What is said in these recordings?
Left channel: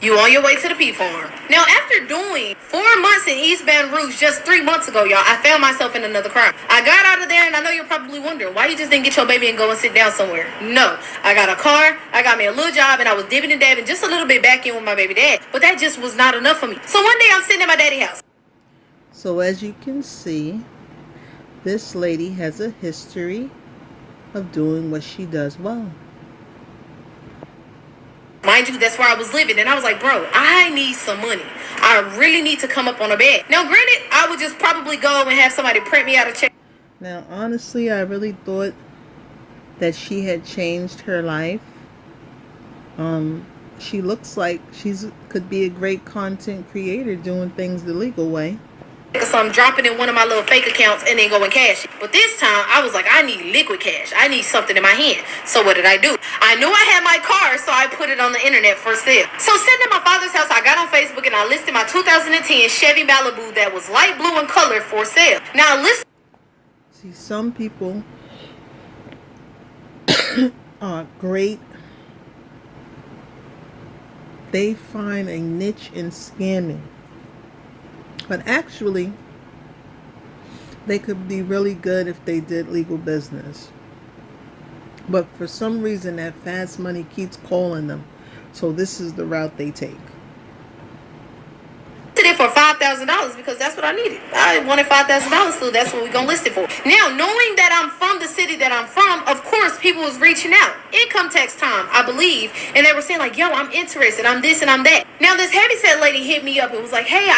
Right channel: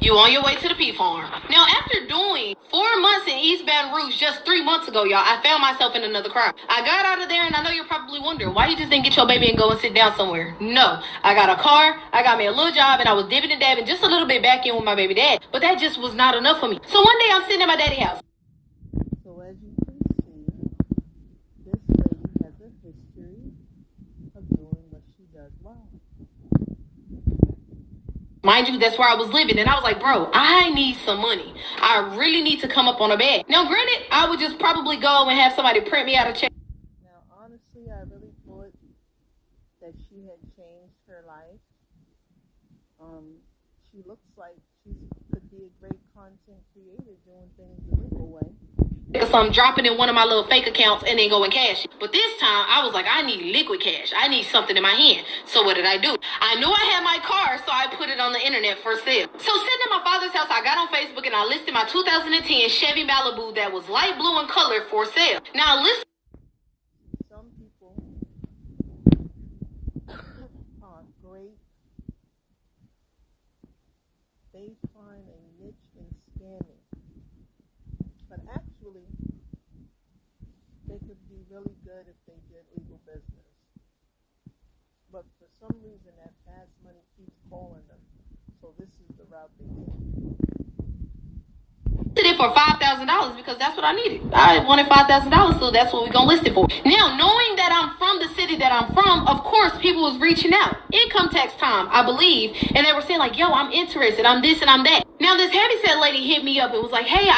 You on your way to the P farm. Now, after doing 4 months in East Baton Rouge just 3 months ago, y'all, I found myself in another crime. I got out of there, and I know you're probably wondering why you just didn't get your baby and go and sit down somewhere. No, I got a car, I got me a little job, and I was dipping and dabbing just a little bit back in with my baby dad. But that just was not enough for me. So one day I'm sitting at my daddy's house. So as you can see, this lady has a history of doing what she does well. Mind you, that's where I was living, and I was like, bro, I need some money. I really need to come up on a bag. Now, granted, I would just probably go and have somebody print me out a check. Now, honestly, I really thought that she had changed her life. She looks like could be a great content creator doing things the legal way. So I'm dropping in one of my little fake accounts and then going cash it. But this time, I was like, I need liquid cash. I need something in my hand. So what did I do? I knew I had my car, so I put it on the internet for sale. So sitting at my father's house, I got on Facebook and I listed my 2010 Chevy Malibu that was light blue in color for sale. Now listen. See, some people are great. They find a niche in scamming. But actually, they could be really good if they did legal business. But for some reason, that fast money keeps calling them. So this is the route they take. It for $5,000 because that's what I needed. I wanted $5,000, so that's what we're gonna list it for. Now, knowing that I'm from the city that I'm from, of course, people was reaching out. Income tax time, I believe, and they were saying like, "Yo, I'm interested. I'm this and I'm that." Now, this heavyset lady hit me up and was like, "Hey,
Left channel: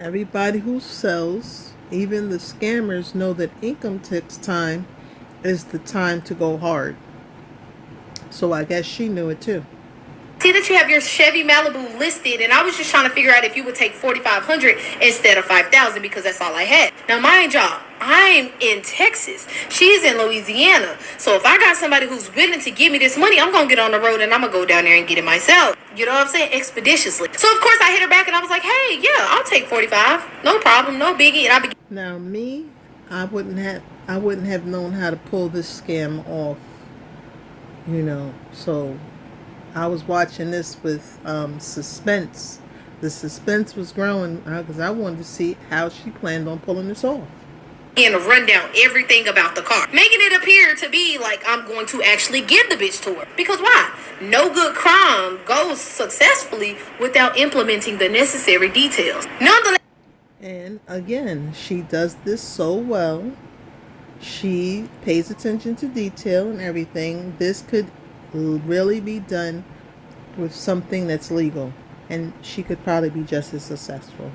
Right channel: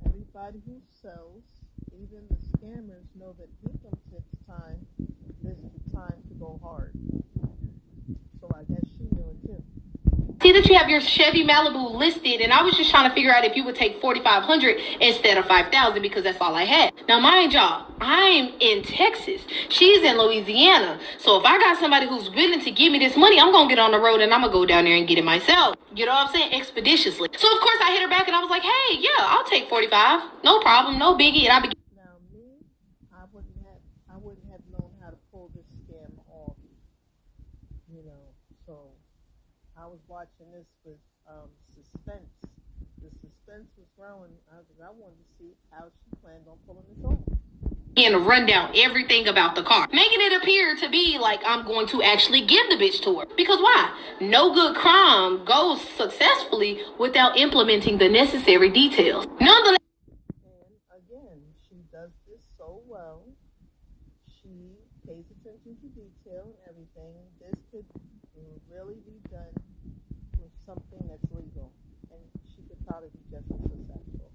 Everybody who sells, even the scammers, know that income tax time is the time to go hard. So I guess she knew it too. See that you have your Chevy Malibu listed, and I was just trying to figure out if you would take $4,500 instead of $5,000 because that's all I had. Now, mind y'all, I'm in Texas. She's in Louisiana. So if I got somebody who's willing to give me this money, I'm going to get on the road and I'm going to go down there and get it myself. You know what I'm saying? Expeditiously. So, of course, I hit her back and I was like, hey, yeah, I'll take 45. No problem. No biggie. And Now, me, I wouldn't have known how to pull this scam off, so I was watching this with suspense. The suspense was growing because I wanted to see how she planned on pulling this off. And run down everything about the car, making it appear to be like I'm going to actually give the bitch to her. Because why? No good crime goes successfully without implementing the necessary details. Nonetheless. And again, she does this so well. She pays attention to detail and everything. This could really be done with something that's legal, and she could probably be just as successful.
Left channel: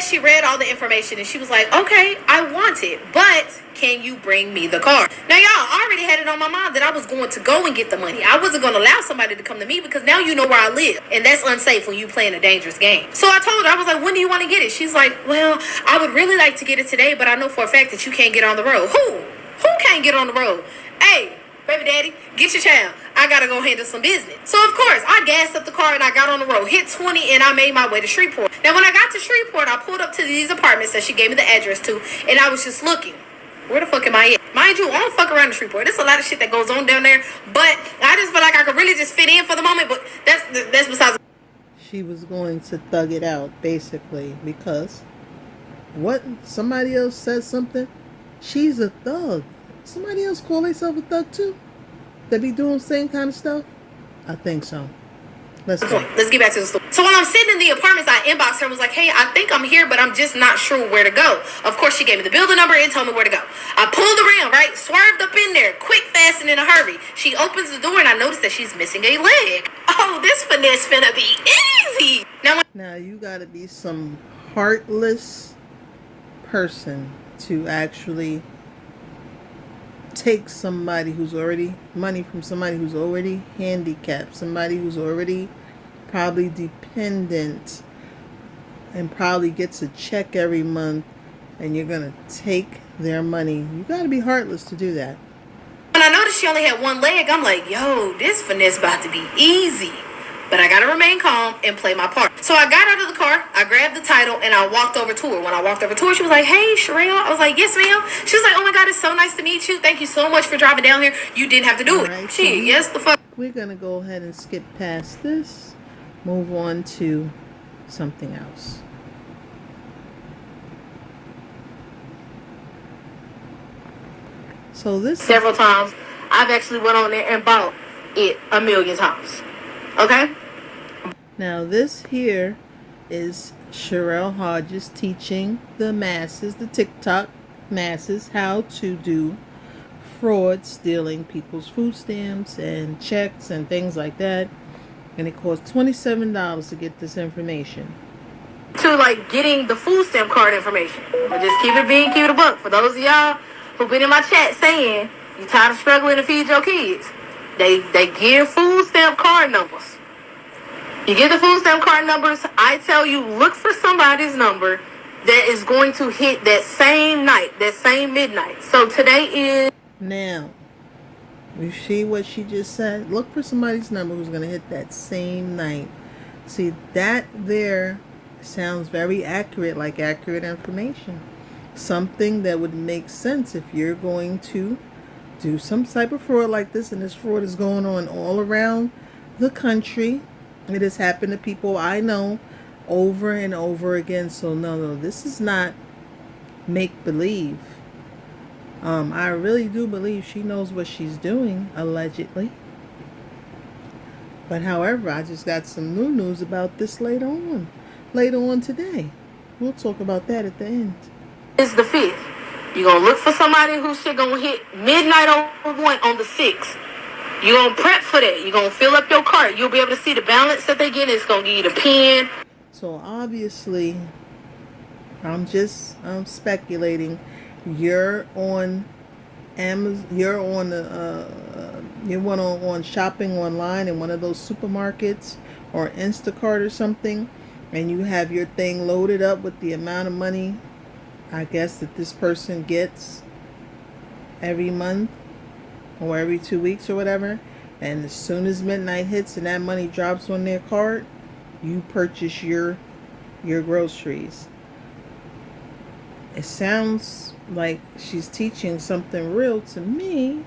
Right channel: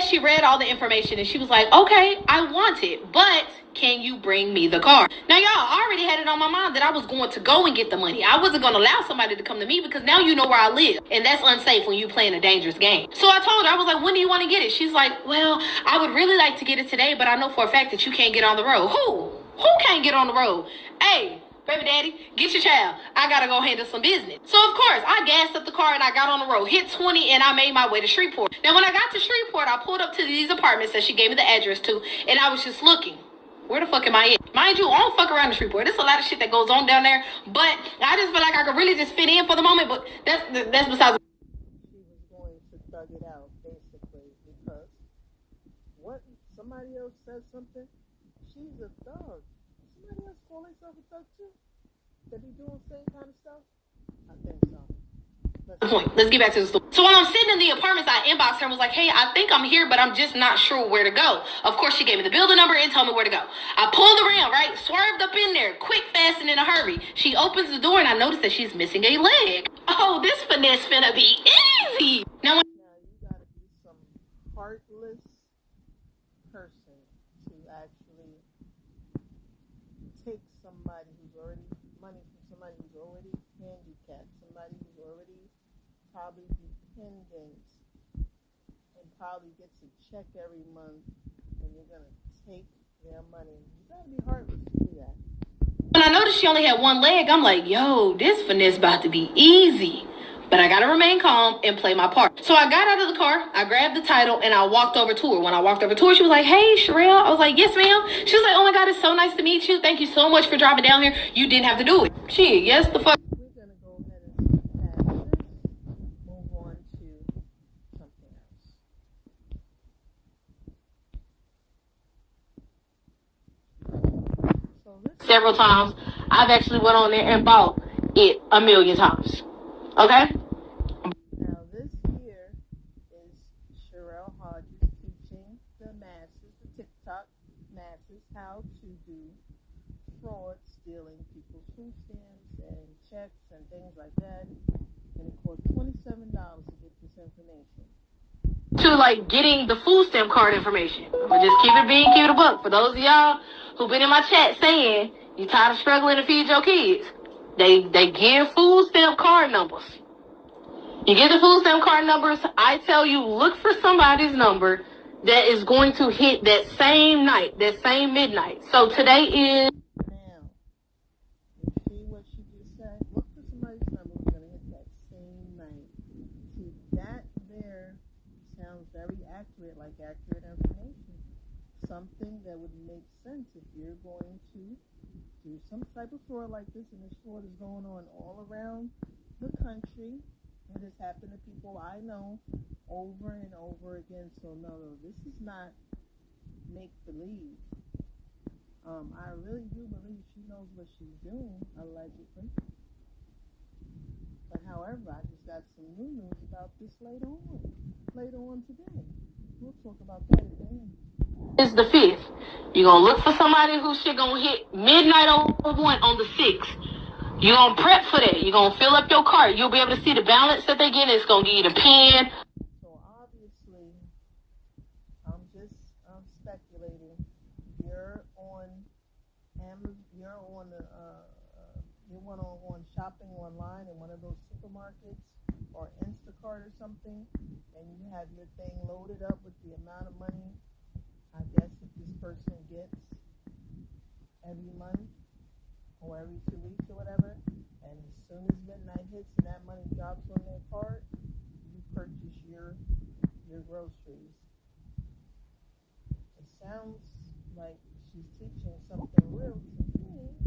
She read all the information and she was like, okay, I want it, but can you bring me the car? Now, y'all, I already had it on my mind that I was going to go and get the money. I wasn't going to allow somebody to come to me because now you know where I live, and that's unsafe when you playing a dangerous game. So I told her, I was like, when do you want to get it? She's like, well, I would really like to get it today, but I know for a fact that you can't get on the road. Who can't get on the road? Hey, baby daddy, get your child. I gotta go handle some business. So of course, I gassed up the car and I got on the road, hit 20, and I made my way to Shreveport. Now when I got to Shreveport, I pulled up to these apartments that she gave me the address to, and I was just looking. Where the fuck am I at? Mind you, I don't fuck around in Shreveport. There's a lot of shit that goes on down there, but I just feel like I could really just fit in for the moment, but that's besides. She was going to thug it out, basically, because somebody else said something, she's a thug. Somebody else call themselves a thug too? They be doing the same kind of stuff? I think so. Let's get back to the story. So while I'm sitting in the apartments, I inboxed her and was like, hey, I think I'm here, but I'm just not sure where to go. Of course, she gave me the building number and told me where to go. I pulled around, right? Swerved up in there, quick, fast, and in a hurry. She opens the door and I noticed that she's missing a leg. Oh, this finesse finna be easy. Now you gotta be some heartless person to actually take somebody who's already money from somebody who's already handicapped, somebody who's already probably dependent and probably gets a check every month, and you're gonna take their money. You gotta be heartless to do that. When I noticed she only had one leg, I'm like, yo, this finesse about to be easy. But I gotta remain calm and play my part. So I got out of the car, I grabbed the title, and I walked over to her. When I walked over to her, she was like, hey, Sharell. I was like, yes, ma'am. She was like, oh my God, it's so nice to meet you. Thank you so much for driving down here. You didn't have to do it. Right, Shit, yes, the fuck. We're gonna go ahead and skip past this. move on to something else. So this several times. I've actually went on there and bought it a million times. Okay? Now this here is Sharell Hodges teaching the masses, the TikTok masses, how to do fraud, stealing people's food stamps and checks and things like that. And it costs $27 to get this information. To like getting the food stamp card information. But just keep it a buck. For those of y'all who've been in my chat saying you tired of struggling to feed your kids, they give food stamp card numbers. You get the food stamp card numbers. I tell you, look for somebody's number that is going to hit that same night, that same midnight. So today is... Now, you see what she just said? Look for somebody's number who's going to hit that same night. See, that there sounds very accurate, like accurate information. Something that would make sense if you're going to do some type of fraud like this, and this fraud is going on all around the country. It has happened to people I know over and over again. So no, this is not make-believe. I really do believe she knows what she's doing, allegedly. But however, I just got some new news about this later on today. We'll talk about that at the end. It's the 5th. You're going to look for somebody whose shit going to hit midnight on the 6th. You're going to prep for that. You're going to fill up your cart. You'll be able to see the balance that they get. It's going to give you the pen. So obviously, I'm speculating. You're on Amazon. You're on on shopping online in one of those supermarkets or Instacart or something, and you have your thing loaded up with the amount of money, I guess, that this person gets every month or every 2 weeks or whatever. And as soon as midnight hits and that money drops on their card, you purchase your groceries. It sounds like she's teaching something real to me.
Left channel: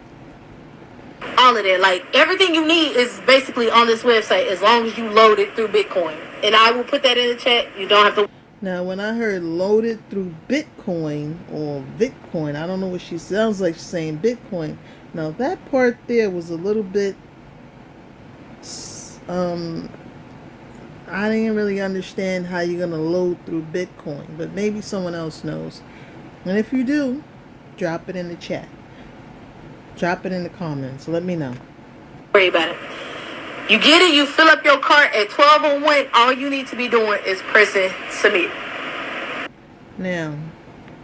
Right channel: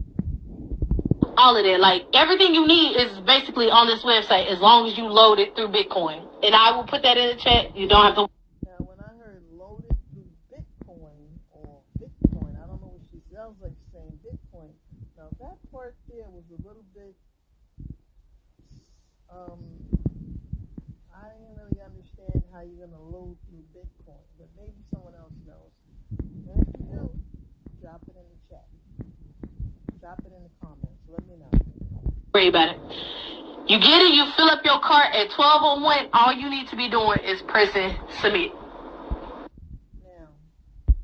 All of that, like everything you need is basically on this website as long as you load it through Bitcoin. And I will put that in the chat. You don't have to. Now, when I heard loaded through Bitcoin or Bitcoin, I don't know what she sounds like. She's saying Bitcoin. Now, that part there was a little bit, I didn't really understand how you're going to load through Bitcoin, but maybe someone else knows. And if you do, drop it in the chat. Drop it in the comments. Let me know. Worry about it. You get it, you fill up your cart at 12:01. All you need to be doing is pressing submit. Now,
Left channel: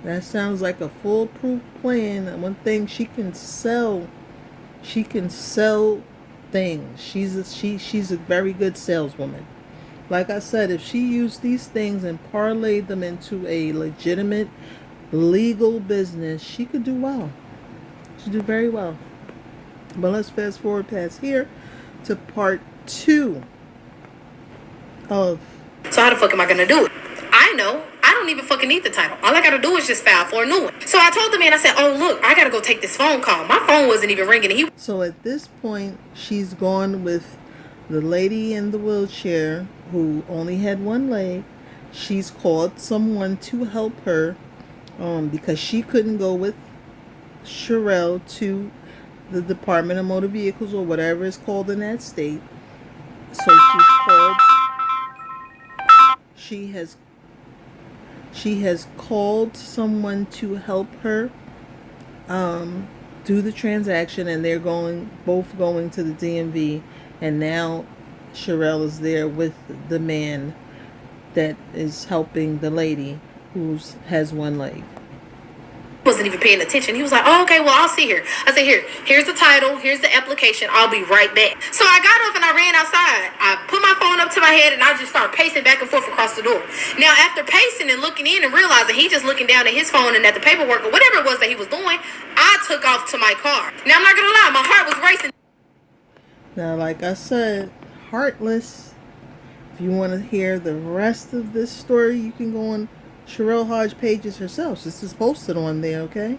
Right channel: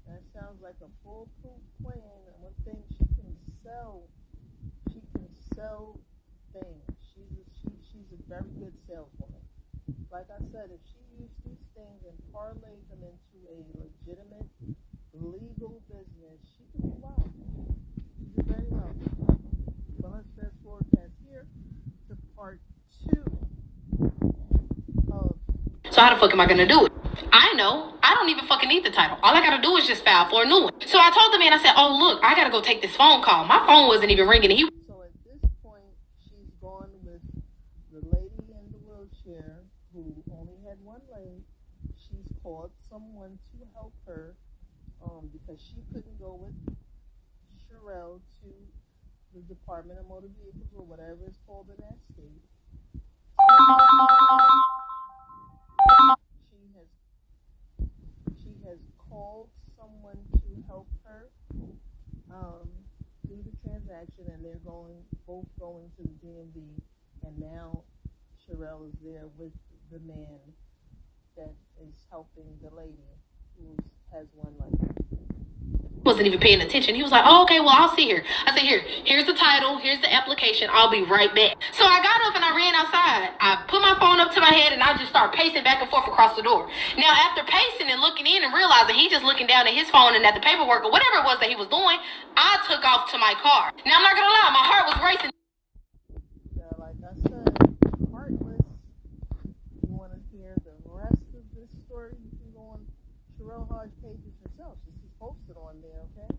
that sounds like a foolproof plan. One thing, she can sell things. She's a very good saleswoman. Like I said, if she used these things and parlayed them into a legitimate legal business, she could do well. She'd do very well. But let's fast forward past here to part 2 of... So how the fuck am I gonna do it? I know. I don't even fucking need the title. All I gotta do is just file for a new one. So I told the man, I said, oh look, I gotta go take this phone call. My phone wasn't even ringing. And So at this point, she's gone with the lady in the wheelchair who only had one leg. She's called someone to help her because she couldn't go with Sharell to the Department of Motor Vehicles or whatever it's called in that state. So she has called someone to help her do the transaction, and they're both going to the DMV, and now Sharell is there with the man that is helping the lady who has one leg. wasn't even paying attention. He was like, oh, okay, well, I'll see here. I said, here's the title, here's the application, I'll be right back. So I got up and I ran outside. I put my phone up to my head and I just started pacing back and forth across the door. Now, after pacing and looking in and realizing he just looking down at his phone and at the paperwork or whatever it was that he was doing, I took off to my car. Now, I'm not gonna lie, my heart was racing. Now, like I said, heartless. If you want to hear the rest of this story, you can go on Sharell Hodge pages herself. This is posted on there, okay?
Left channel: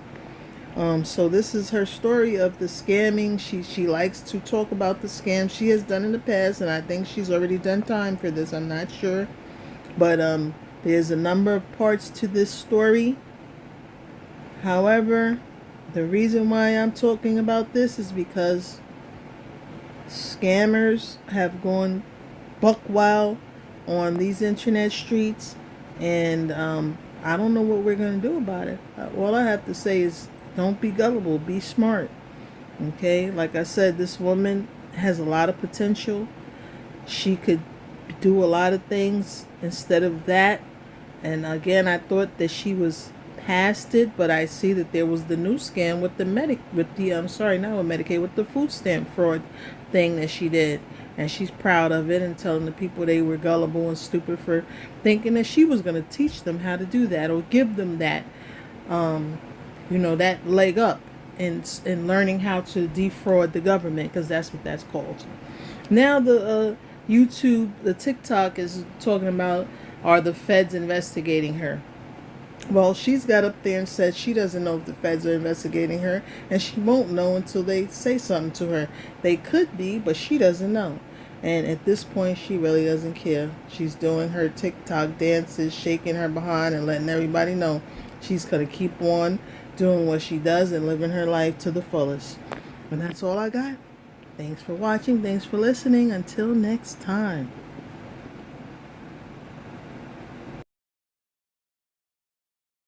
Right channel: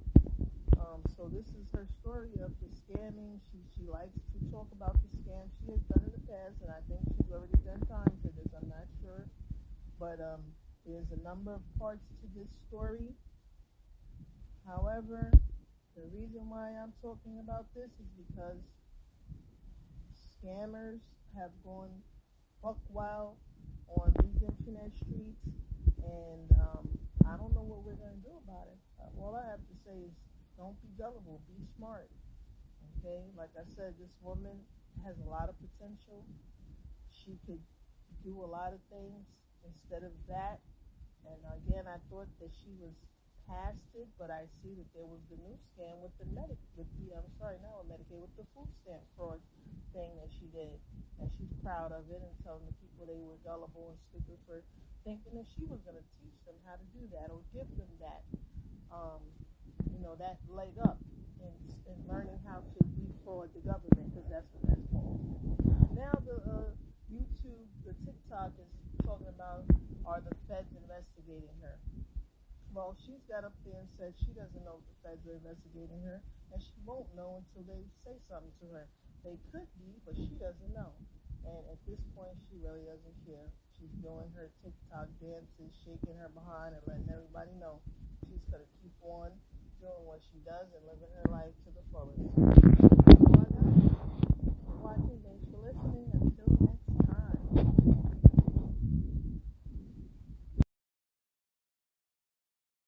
So this is her story of the scamming. She likes to talk about the scam she has done in the past, and I think she's already done time for this. I'm not sure, but there's a number of parts to this story. However, the reason why I'm talking about this is because scammers have gone buck wild on these internet streets, and I don't know what we're going to do about it. All I have to say is don't be gullible, be smart. Okay, like I said, this woman has a lot of potential. She could do a lot of things instead of that. And again, I thought that she was past it, but I see that there was the new scam with the I'm sorry, not with Medicaid, with the food stamp fraud thing that she did. And she's proud of it and telling the people they were gullible and stupid for thinking that she was going to teach them how to do that or give them that, um, that leg up in learning how to defraud the government, because that's what that's called. Now the the TikTok is talking about, are the feds investigating her? Well, she's got up there and said she doesn't know if the feds are investigating her, and she won't know until they say something to her. They could be, but she doesn't know. And at this point, she really doesn't care. She's doing her TikTok dances, shaking her behind, and letting everybody know she's going to keep on doing what she does and living her life to the fullest. And that's all I got. Thanks for watching. Thanks for listening. Until next time.